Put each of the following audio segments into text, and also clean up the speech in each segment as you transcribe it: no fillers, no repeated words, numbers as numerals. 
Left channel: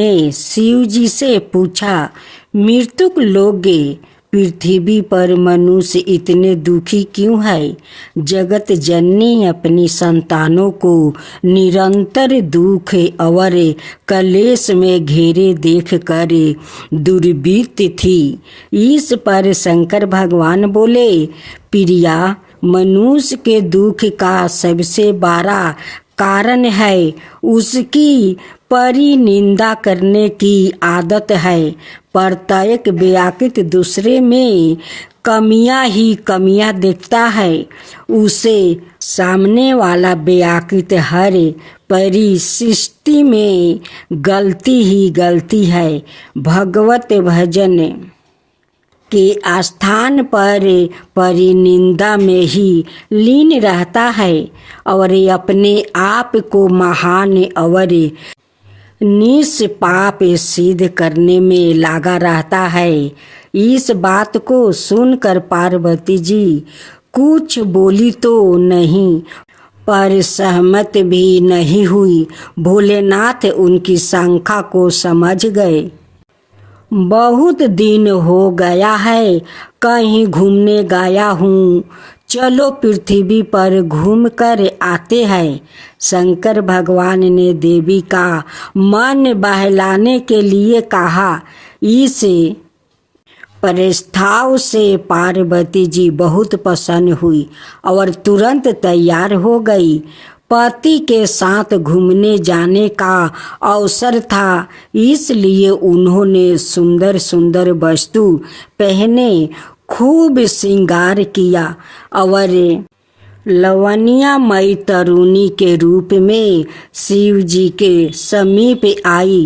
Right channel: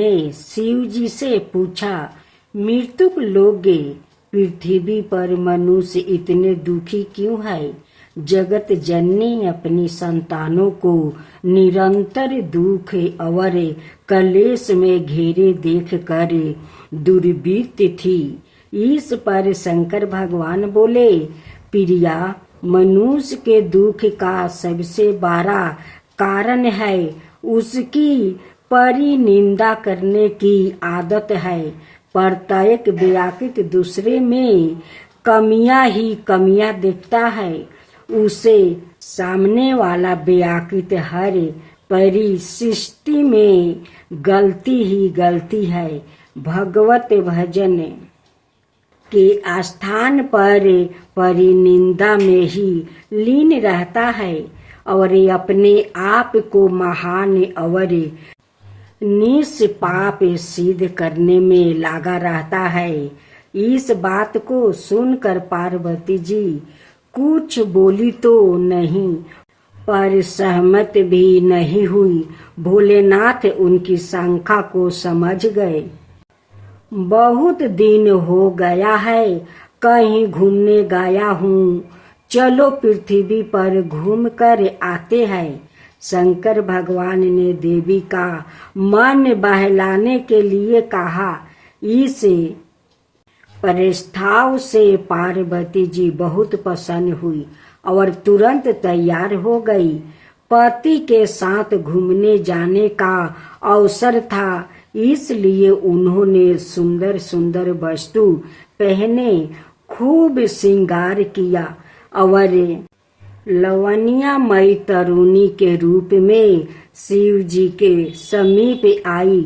ने शिव जी से पूछा, मृत्युक लोगे, पृथ्वी पर मनुष्य इतने दुखी क्यों है? जगत जननी अपनी संतानों को निरंतर दुख और कलेश में घेरे देख कर दुर्वृत्त थी। इस पर शंकर भगवान बोले, प्रिया, मनुष्य के दुख का सबसे बड़ा कारण है उसकी परिनिंदा करने की आदत है। प्रत्येक व्याकृत दूसरे में कमियां ही कमियां देखता है। उसे सामने वाला व्याकृत हर परिस्थिति में गलती ही गलती है। भगवत भजन के स्थान पर परिनिंदा में ही लीन रहता है और अपने आप को महान और निष्पाप सिद्ध करने में लगा रहता है। इस बात को सुनकर पार्वती जी कुछ बोली तो नहीं, पर सहमत भी नहीं हुई। भोलेनाथ उनकी शंका को समझ गए। बहुत दिन हो गया है, कहीं घूमने गया हूँ, चलो पृथ्वी पर घूम कर आते हैं। शंकर भगवान ने देवी का मन बहलाने के लिए कहा। इस प्रस्ताव से पार्वती जी बहुत प्रसन्न हुई और तुरंत तैयार हो गई। पति के साथ घूमने जाने का अवसर था, इसलिए उन्होंने सुंदर सुंदर वस्तु पहने, खूब श्रृंगार किया और लवणीयमयी तरुणी के रूप में शिव जी के समीप आई।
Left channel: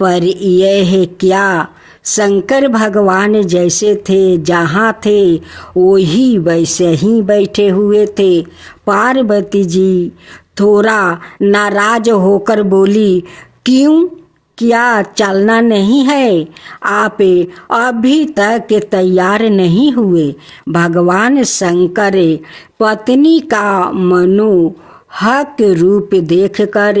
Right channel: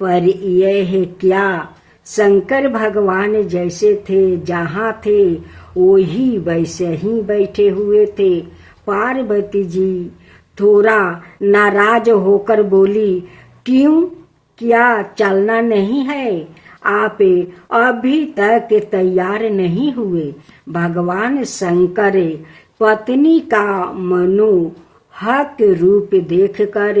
पर यह क्या, शंकर भगवान जैसे थे, जहाँ थे वही वैसे ही बैठे हुए थे। पार्वती जी थोड़ा नाराज होकर बोली, क्यों, क्या चलना नहीं है? आप अभी तक तैयार नहीं हुए? भगवान शंकर पत्नी का मनोहक रूप देखकर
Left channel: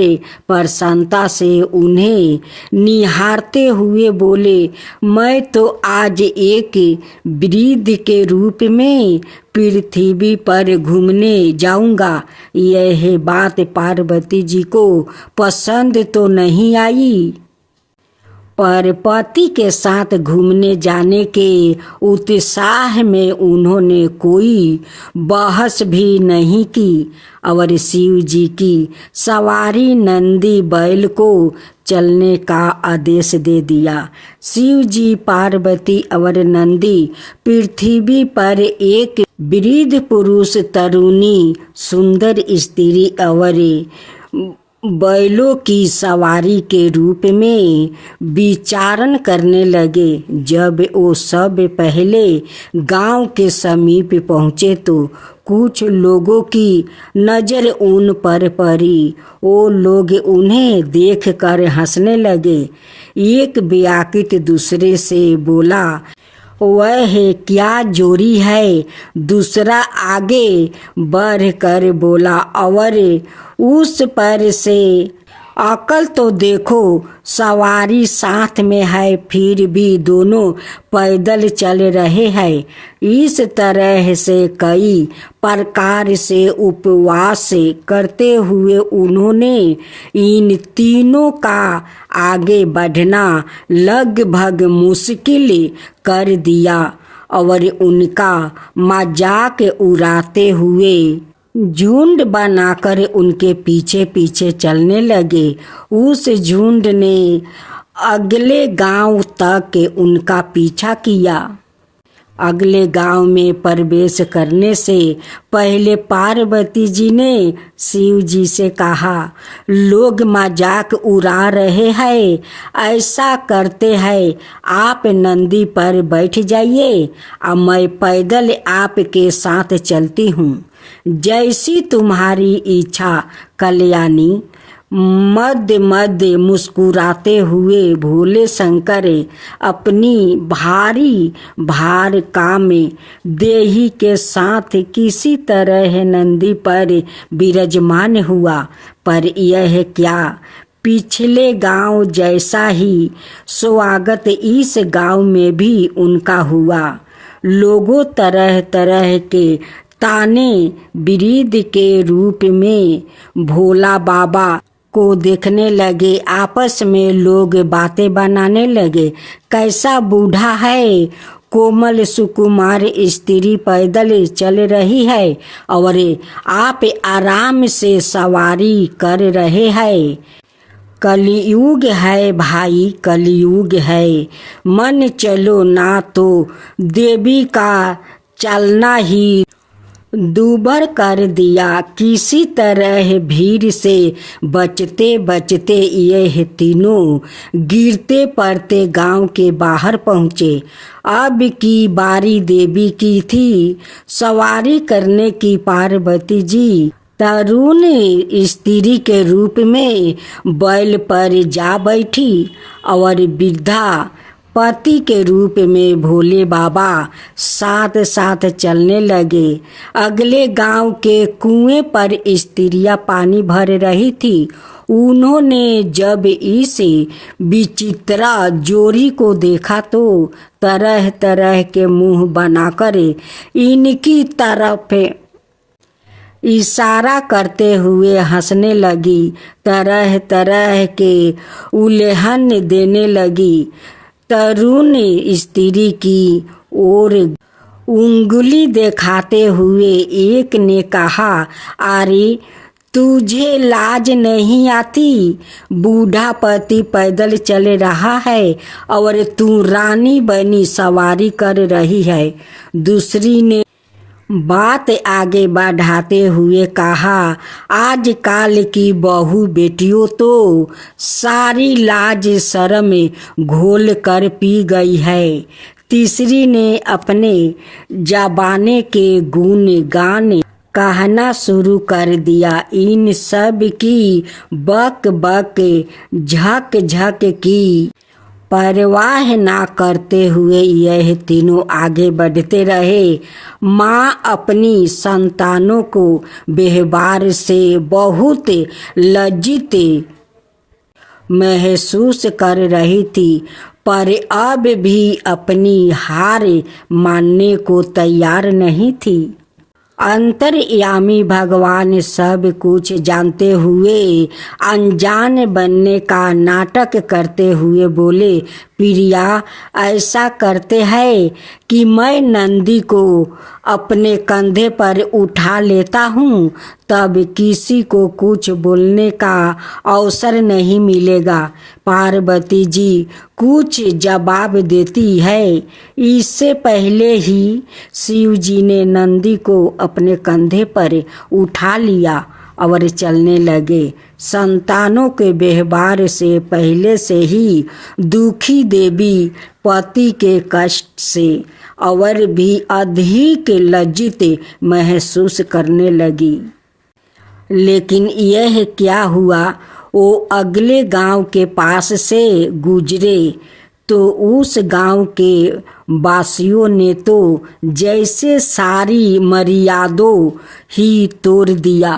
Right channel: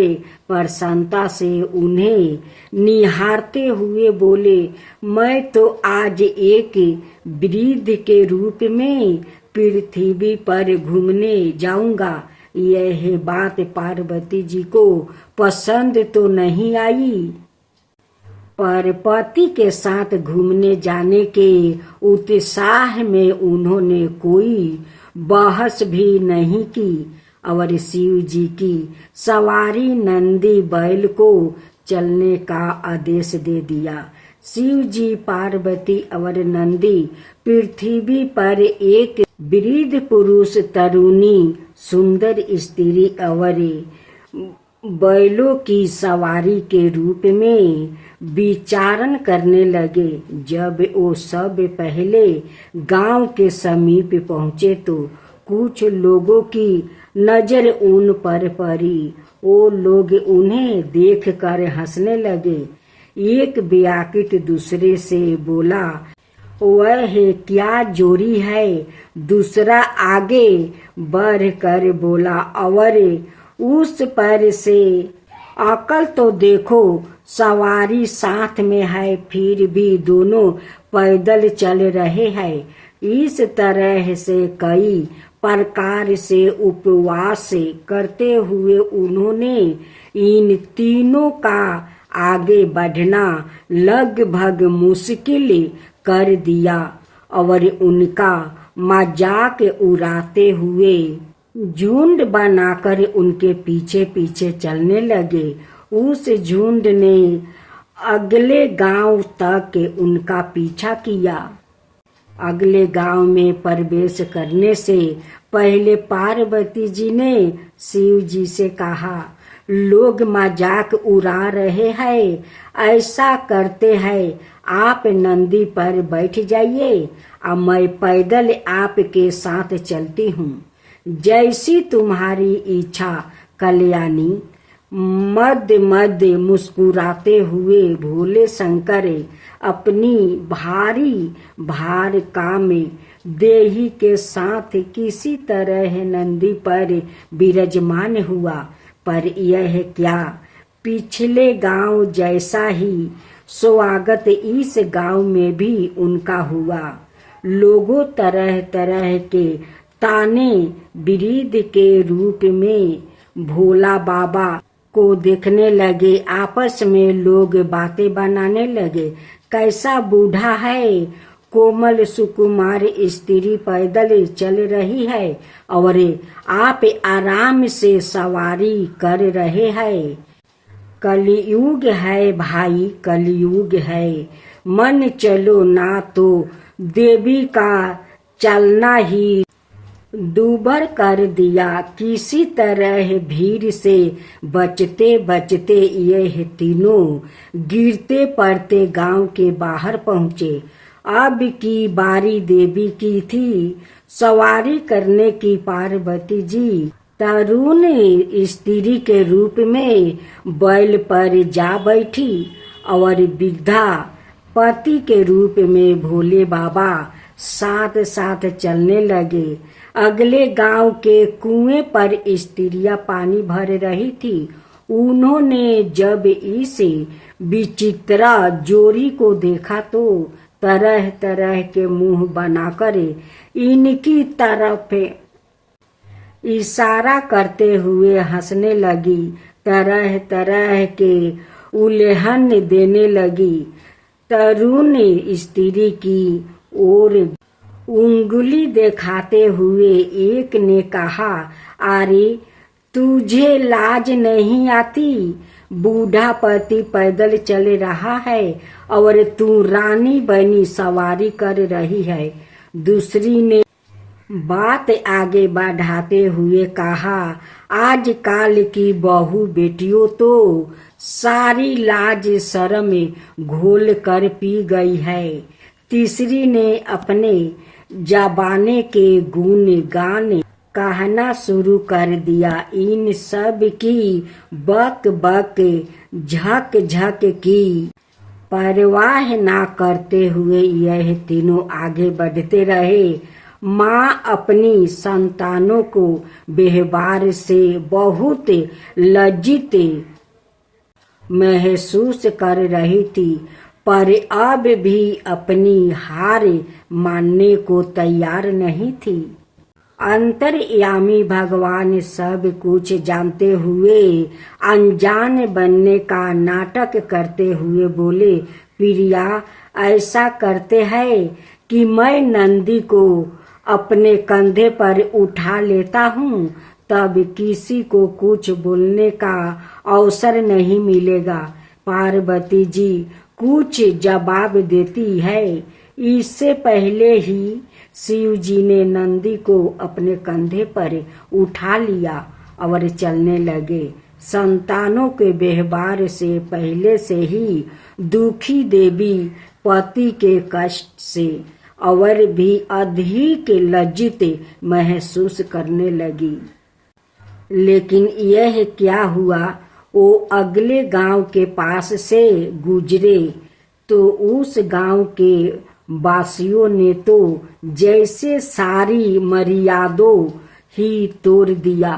प्रसन्नता से उन्हें निहारते हुए बोले, मैं तो आज एक वृद्ध के रूप में पृथ्वी पर घूमने जाऊंगा। यह बात पार्वती जी को पसंद तो नहीं आई, पर पति के साथ घूमने जाने के उत्साह में उन्होंने कोई बहस भी नहीं की और शिव जी की सवारी नंदी बैल को चलने का आदेश दे दिया। शिव जी, पार्वती और नंदी पृथ्वी पर एक वृद्ध पुरुष, तरुणी, सुंदर स्त्री और बैलों की सवारी के रूप में विचरण करने लगे। जब वो सब पहले गांव के समीप पहुँचे तो कुछ लोगों की नज़र उन पर पड़ी। वो लोग उन्हें देखकर हंसने लगे। एक व्याकृत दूसरे से बोला, वह क्या जोड़ी है? दूसरा आगे बढ़कर बोला, और उस पर से अकल तो देखो, सवारी साथ में है फिर भी दोनों पैदल चल रहे हैं। इस तरह से कई प्रकार से उपवास करते हुए उन्होंने इन तीनों का आगे बढ़ना लगभग मुश्किल कर दिया और उनका मजाक उड़ाते हुए झुंड बनाकर उनके पीछे पीछे चलने लगे। उस झुंड ने अगले गांव तक उनका पीछा किया। अगले गांव में प्रवेश करने से पहले पार्वती जी ने शिव जी से कहा, लोग मजाक उड़ा रहे हैं, ऐसा करते हैं, आप नंदी पर बैठ जाइए और मैं पैदल आपके साथ चलती हूँ। जैसी तुम्हारी इच्छा कल्याणी। मध्य मध्य मुस्कुराते हुए भोले शंकर अपनी भारी भार काम देही के साथ किसी तरह नंदी पर विराजमान हुआ। पर यह क्या, पिछले गांव जैसा ही स्वागत इस गांव में भी उनका हुआ। लोगों तरह तरह के ताने बिरीद के रूप में भोला बाबा को देखने लगे। आपस में लोग बातें बनाने लगे। कैसा बूढ़ा है, कोमल सुकुमार स्त्री पैदल चल रही है और आप आराम से सवारी कर रहे हैं। कलयुग है भाई, कलयुग है। मन चलो ना तो देवी का चलना ही दूबर कर दिया। किसी तरह भीड़ से बचते बचते यह तीनों गिरते पड़ते गांव के बाहर पहुँचे। अब की बारी देवी की थी। सवारी करने की पार्वती जी तरुण स्त्री के रूप में बैल पर जा बैठी और वृद्धा पति के रूप में भोले बाबा साथ साथ चलने लगे। अगले गांव के कुएं पर स्त्रियां पानी भर रही थी। उन्होंने जब इस विचित्र जोड़ी को देखा तो तरह तरह के मुंह बनाकर इनकी तरफ इशारा करते हुए हंसने लगी, तरह तरह के उल्लेहन देने लगी। तरुण स्त्री की ओर उंगली दिखाते हुए एक ने कहा, अरे तुझे लाज नहीं आती? बूढ़ा पति पैदल चल रहा है और तू रानी बनी सवारी कर रही है। दूसरी ने बात आगे बढ़ाते हुए कहा, आजकल की बहू बेटियों तो सारी लाज शर्म घोल कर पी गई है। तीसरी ने अपने जबाने के गुण गान कहना शुरू कर दिया। इन सब की बक बक झक झक की परवाह ना करते हुए यह तीनों आगे बढ़ते रहे। माँ अपनी संतानों को व्यवहार से बहुत लज्जित महसूस कर रही थी, पर अब भी अपनी हार मानने को तैयार नहीं थी। अंतर्यामी भगवान सब कुछ जानते हुए अनजान बनने का नाटक करते हुए बोले, प्रिया ऐसा करते हैं कि मैं नंदी को अपने कंधे पर उठा लेता हूँ, तब किसी को कुछ बोलने का अवसर नहीं मिलेगा। पार्वती जी कुछ जवाब देती है। इससे पहले ही शिव जी ने नंदी को अपने कंधे पर उठा लिया और चलने लगे। संतानों के व्यवहार से पहले से ही दुखी देवी पति के कष्ट से और भी अधिक लज्जित महसूस करने लगी। लेकिन यह क्या हुआ, वो अगले गांव के पास से गुजरे तो उस गांव के वासियों ने तो जैसे सारी मर्यादों ही तोड़ दिया।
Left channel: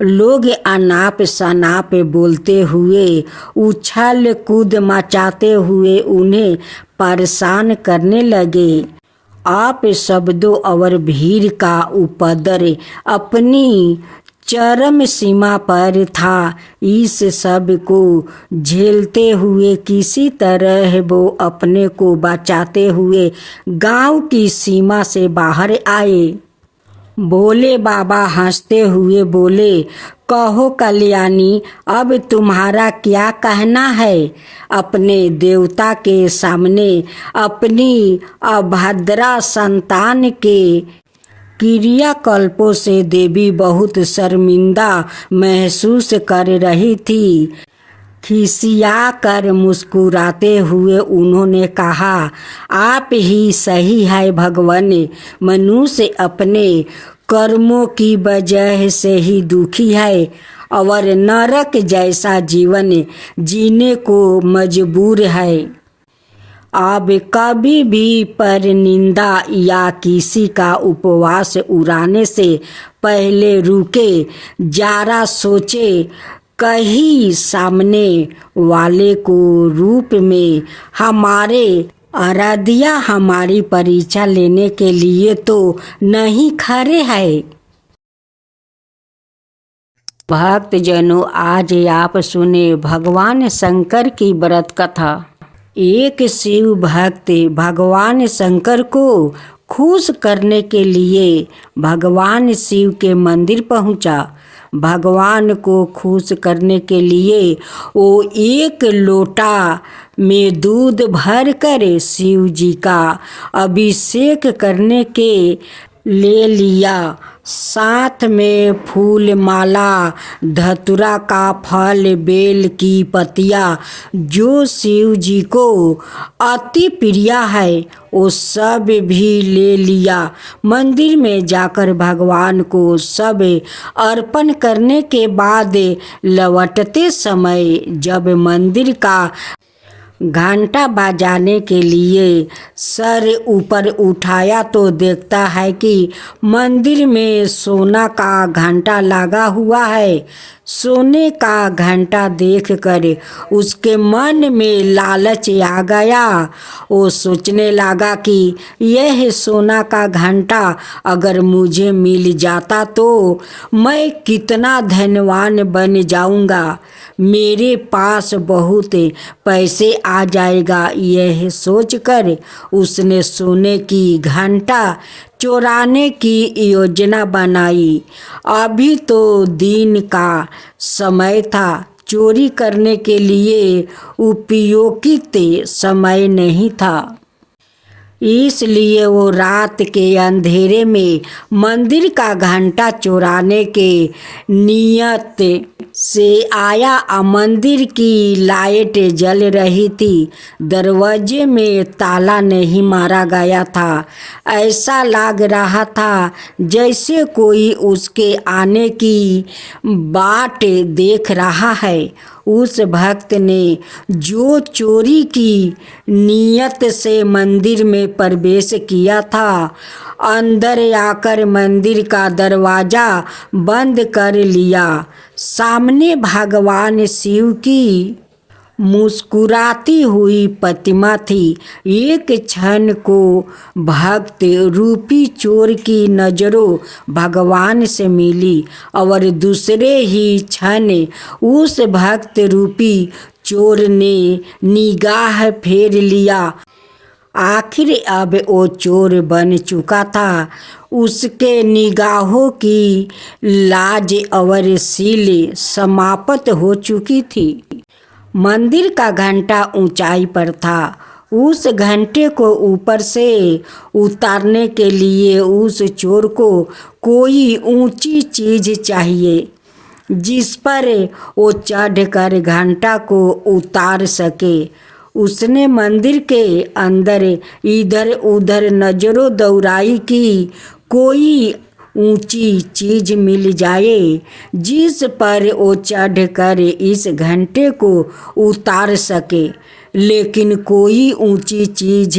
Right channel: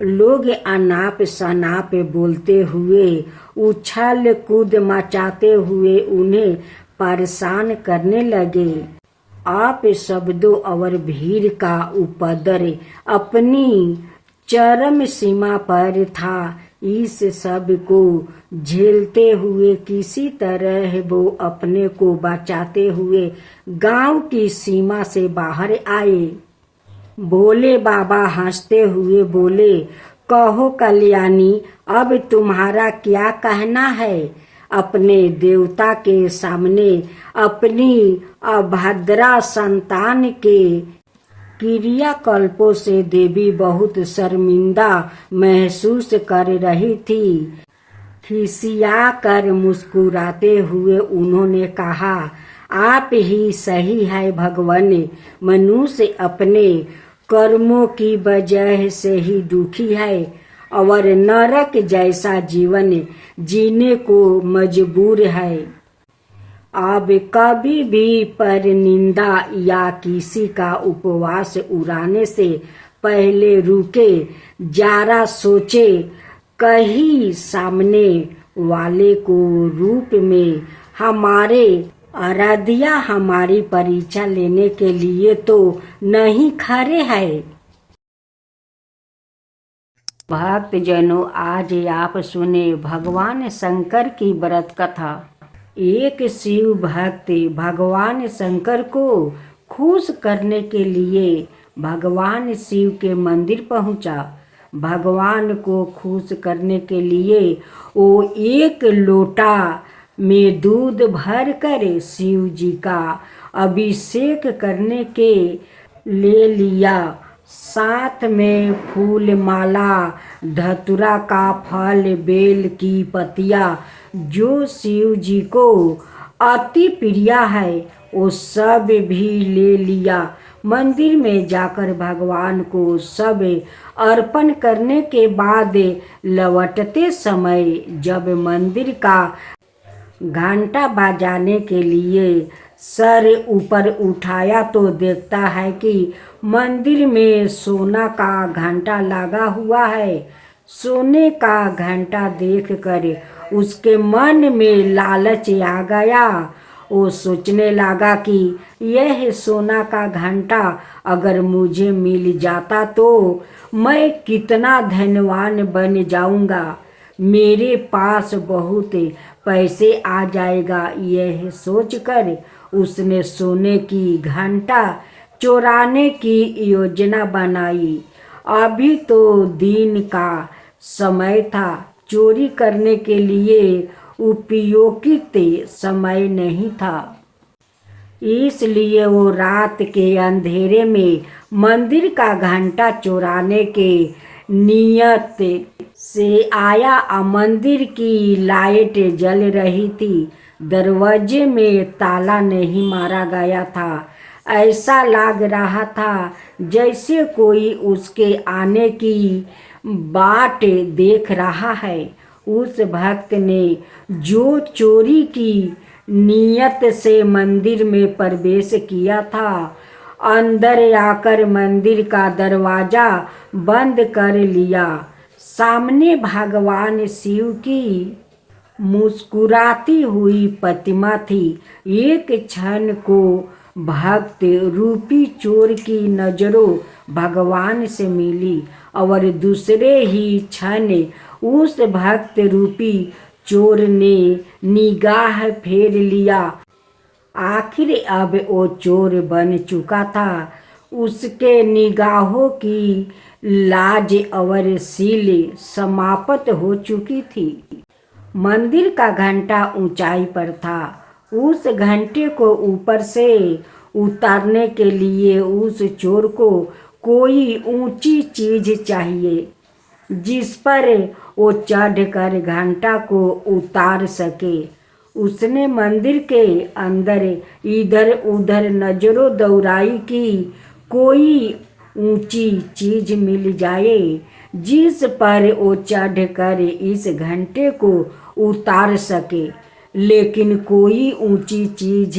लोग अनाप शनाप बोलते हुए, उछल कूद मचाते हुए उन्हें परेशान करने लगे। आप शब्दों और भीड़ का उपद्रव अपनी चरम सीमा पर था। इस सब को झेलते हुए किसी तरह वो अपने को बचाते हुए गांव की सीमा से बाहर आए। भोले बाबा हंसते हुए बोले, कहो कल्याणी, अब तुम्हारा क्या कहना है? अपने देवता के सामने अपनी अभद्रा संतान के क्रियाकल्पों से देवी बहुत शर्मिंदा महसूस कर रही थी। खिसिया कर मुस्कुराते हुए उन्होंने कहा, आप ही सही है भगवान। मनुष्य अपने कर्मों की वजह से ही दुखी है और नरक जैसा जीवन जीने को मजबूर है। अब कभी भी पर निंदा या किसी का उपवास उड़ाने से पहले रुके, जरा सोचे कहीं सामने वाले को रूप में हमारे आराध्या हमारी परीक्षा लेने के लिए तो नहीं खड़े हैं। भक्तजनों, आज आप सुने भगवान शंकर की व्रत कथा। एक शिव भक्त भगवान शंकर को खुश करने के लिए भगवान शिव के मंदिर पहुंचा। भगवान को खुश करने के लिए वो एक लोटा में दूध भर कर शिव जी का अभिषेक करने के ले लिया। साथ में फूल माला, धतूरा का फल, बेल की पत्तियाँ जो शिव जी को अति प्रिय है वो सब भी ले लिया। मंदिर में जाकर भगवान को सब अर्पण करने के बाद लौटते समय जब मंदिर का घंटा बजाने के लिए सर ऊपर उठाया तो देखता है कि मंदिर में सोना का घंटा लगा हुआ है। सोने का घंटा देखकर उसके मन में लालच आ गया। वो सोचने लगा कि यह सोना का घंटा अगर मुझे मिल जाता तो मैं कितना धनवान बन जाऊंगा, मेरे पास बहुत पैसे आ जाएगा। यह सोचकर उसने सोने की घंटा चुराने की योजना बनाई। अभी तो दिन का समय था, चोरी करने के लिए उपयोगित समय नहीं था। इसलिए वो रात के अंधेरे में मंदिर का घंटा चुराने के नियत से आया। मंदिर की लाइट जल रही थी, दरवाजे में ताला नहीं मारा गया था। ऐसा लग रहा था जैसे कोई उसके आने की बाट देख रहा है। उस भक्त ने जो चोरी की नियत से मंदिर में प्रवेश किया था, अंदर आकर मंदिर का दरवाजा बंद कर लिया। सामने भगवान शिव की मुस्कुराती हुई प्रतिमा थी। एक क्षण को भक्त रूपी चोर की नजरों भगवान से मिली और दूसरे ही क्षण उस भक्त रूपी चोर ने निगाह फेर लिया। आखिर अब वो चोर बन चुका था। उसके निगाहों की लाज और सील समाप्त हो चुकी थी। मंदिर का घंटा ऊंचाई पर था। उस घंटे को ऊपर से उतारने के लिए उस चोर को कोई ऊंची चीज चाहिए जिस पर वो चढ़कर घंटा को उतार सके। उसने मंदिर के अंदर इधर उधर नजरों दौड़ाई कि कोई ऊंची चीज मिल जाए जिस पर वो चढ़कर इस घंटे को उतार सके, लेकिन कोई ऊंची चीज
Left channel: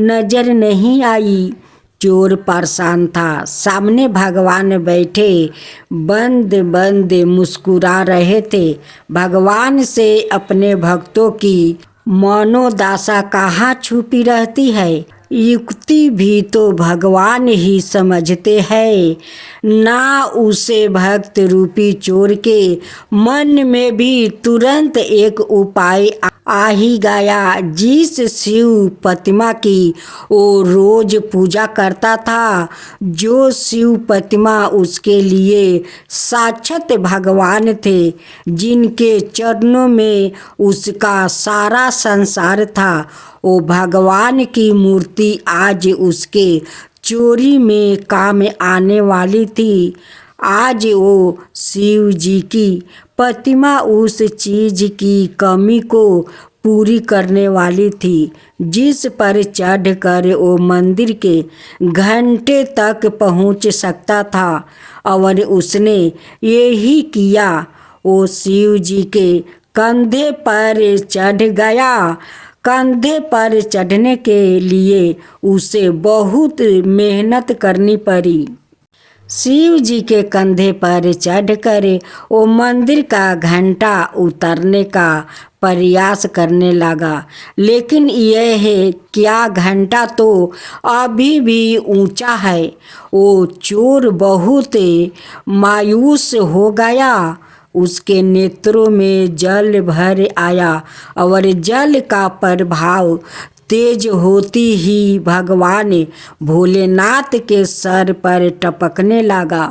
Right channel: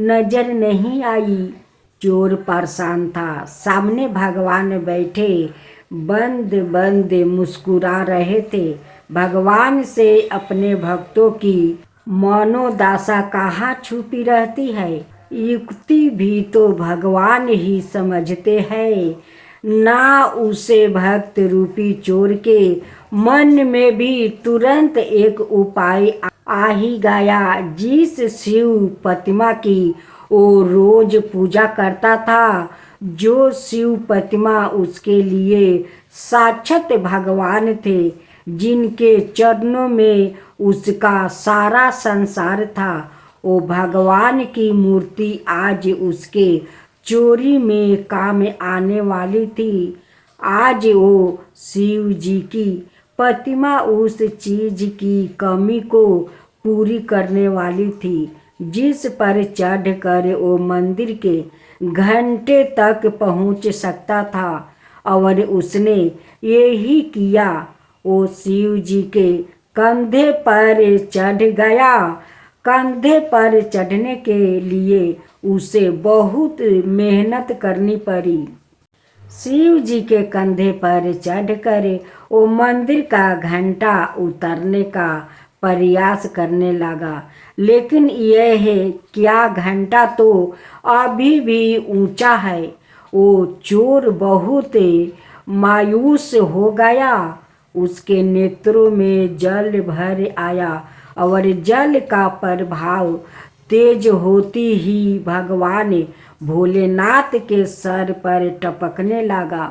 नजर नहीं आई। चोर परेशान था। सामने भगवान बैठे बंद बंद मुस्कुरा रहे थे। भगवान से अपने भक्तों की मनोदशा कहाँ छुपी रहती है, युक्ति भी तो भगवान ही समझते हैं ना। उसे भक्त रूपी चोर के मन में भी तुरंत एक उपाय आ ही गया। जिस शिव प्रतिमा की वो रोज पूजा करता था, जो शिव प्रतिमा उसके लिए साक्षात भगवान थे, जिनके चरणों में उसका सारा संसार था, वो भगवान की मूर्ति आज उसके चोरी में काम आने वाली थी। आज वो शिव जी की प्रतिमा उस चीज की कमी को पूरी करने वाली थी जिस पर चढ़कर वो मंदिर के घंटे तक पहुंच सकता था, और उसने यही किया। वो शिव जी के कंधे पर चढ़ गया। कंधे पर चढ़ने के लिए उसे बहुत मेहनत करनी पड़ी। शिव जी के कंधे पर चढ़कर वो मंदिर का घंटा उतरने का प्रयास करने लगा, लेकिन यह है क्या, घंटा तो अभी भी ऊंचा है। वो चोर बहुत मायूस हो गया। उसके नेत्रों में जल भर आया और जल का प्रभाव तेज होती ही भगवान भोलेनाथ के सर पर टपकने लगा।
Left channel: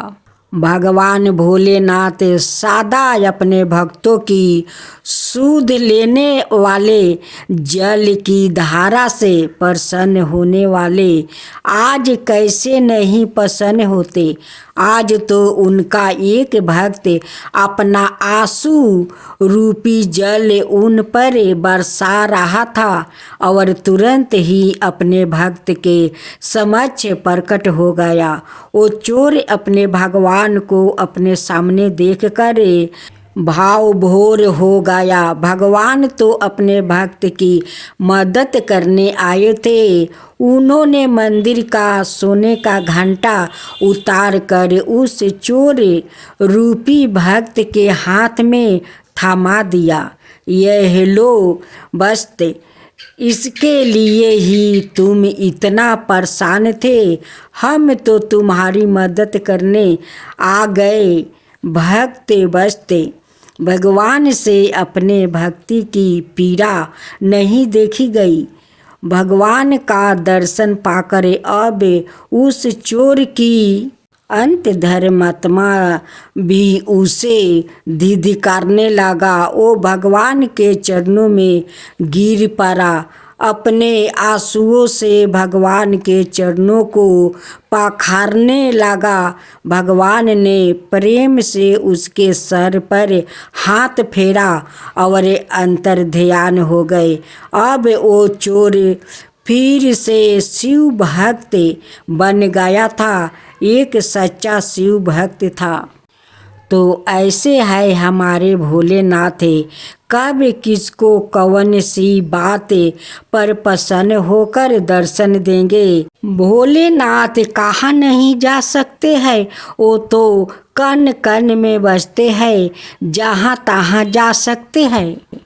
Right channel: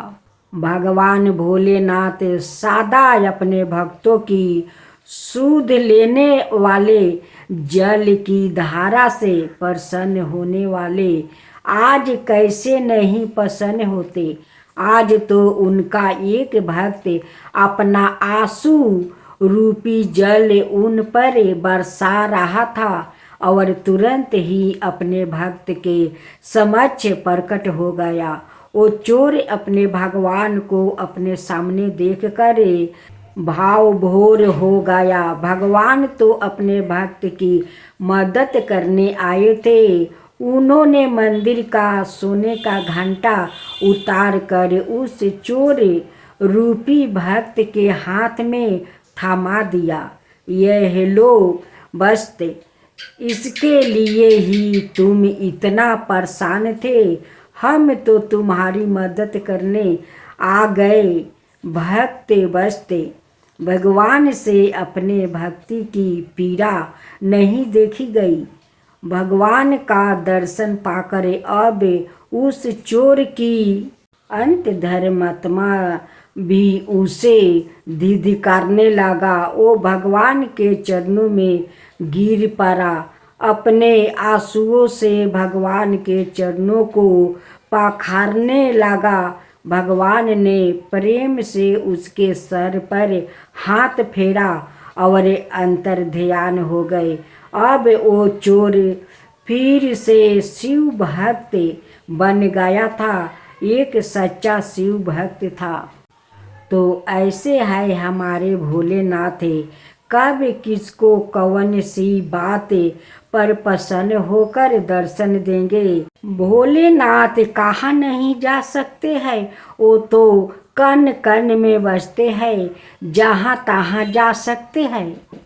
भगवान भोलेनाथ सदा अपने भक्तों की सूद लेने वाले, जल की धारा से प्रसन्न होने वाले आज कैसे नहीं प्रसन्न होते। आज तो उनका एक भक्त अपना आंसू रूपी जल उन पर बरसा रहा था और तुरंत ही अपने भक्त के समक्ष प्रकट हो गया। वो चोर अपने भगवान को अपने सामने देखकर भाव भोर हो गया। भगवान तो अपने भक्त की मदद करने आए थे। उन्होंने मंदिर का सोने का घंटा उतार कर उस चोर रूपी भक्त के हाथ में थमा दिया। यह लो बस, इसके लिए ही तुम इतना परेशान थे। हम तो तुम्हारी मदद करने आ गए। भक्त बसते भगवान से अपने भक्ति की पीड़ा नहीं देखी गई। भगवान का दर्शन पाकर अब उस चोर की अंत धर्मात्मा भी उसे धिक्कारने लगा। वो भगवान के चरणों में गिर पड़ा, अपने आंसुओं से भगवान के चरणों को पखारने लगा। भगवान ने प्रेम से उसके सर पर हाथ फेरा और अंतर ध्यान हो गए। अब वो चोर फिर से शिव भक्त बन गया था, एक सच्चा शिव भक्त था। तो ऐसे है हमारे भोलेनाथ, कब किसको कौन सी बात पर प्रसन्न होकर दर्शन देंगे। भोलेनाथ कहाँ नहीं जा सकते हैं, वो तो कण कण में बसते हैं, जहाँ तहाँ जा सकते हैं।